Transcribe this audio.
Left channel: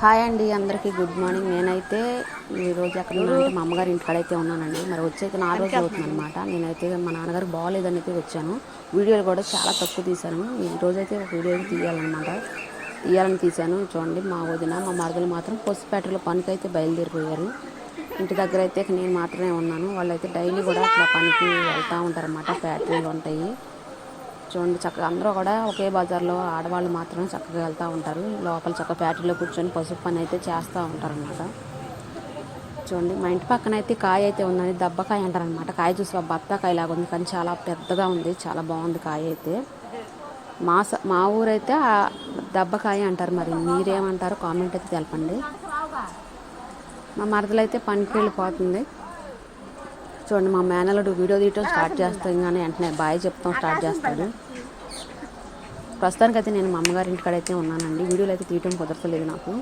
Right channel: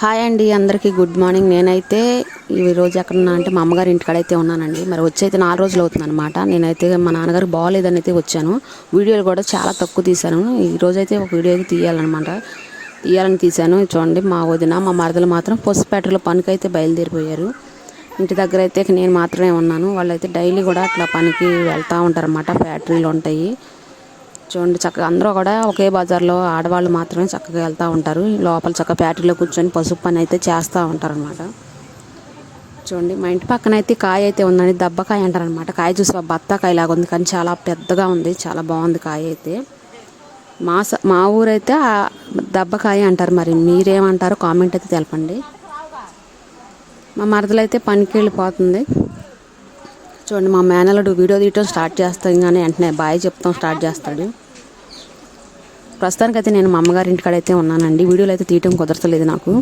Hi అండి, అందరికీ good morning. నేనైతే ఈరోజు ఎక్కడున్నా అంటే మా అమ్మగారి ఇంటికాడైతే ఉన్నానండి. మరి వచ్చైతే 4 రోజులు అవుతుంది అనమాట. నేనైతే మా నాన్నగారు బాగోలేదని అయితే వచ్చాను. వీడియోలు కూడా చాలా తక్కువ తీశాను. ఈరోజైతే ఒక వీడియో అయితే తీయాలని తీశాను. చూడండి, మా వదిన మా మరదలు మాత్రం పసుపేటలో పనికైతే బయలుదేరిపోయారు. ఇంటి దగ్గర అయితే నేను మాత్రమే ఉన్నాను. వాళ్ళైతే డైలీ కూడా అట్లా పనికి వెళ్తూ ఉంటారన్నమాట. ఫ్యాక్టరీలు ఉంటాయి. చూడండి, చక్కగా అందరూ కూడా ఒకే బజార్లో ఆడవాళ్ళు మాత్రమే చక్కగా వెళ్తూ ఉంటారు. లోపల చక్కగా ఫ్యాక్టరీలో కూర్చొని పసుపు పని అయితే చేస్తూ ఉంటారనమాట. చూడండి, మా ఇంటి పక్కన అయితే కాయ అయితే ఉందండి. దబ్బకాయ అంటారనమాట. కాయ చూసి బత్తాకాయ లాగా ఉంది, కానీ చాలా పెద్దగా ఉంది. చాలా బాగుంది కాయ అయితే. మా ఊరైతే దబ్బకాయ అంటారు. మరి మీరేమంటారో కామెంట్ అయితే తెలపండి. మా మరదలు అయితే పనికి వెళ్ళిపోతుంది. చూడండి, మా మేనల్లుడు వీడియో తీయటం స్టార్ట్ చేస్తాం, కానీ వెంటనే బాయ్ చెప్తాం స్టార్ట్ చేస్తాడు. ప్రస్తుతానికైతే నేను మా అమ్మగారి ఇంటికాడైతే ఉన్నానండి. వీడియోలు అయితే తీయటం కుదరతలేదు నాకు.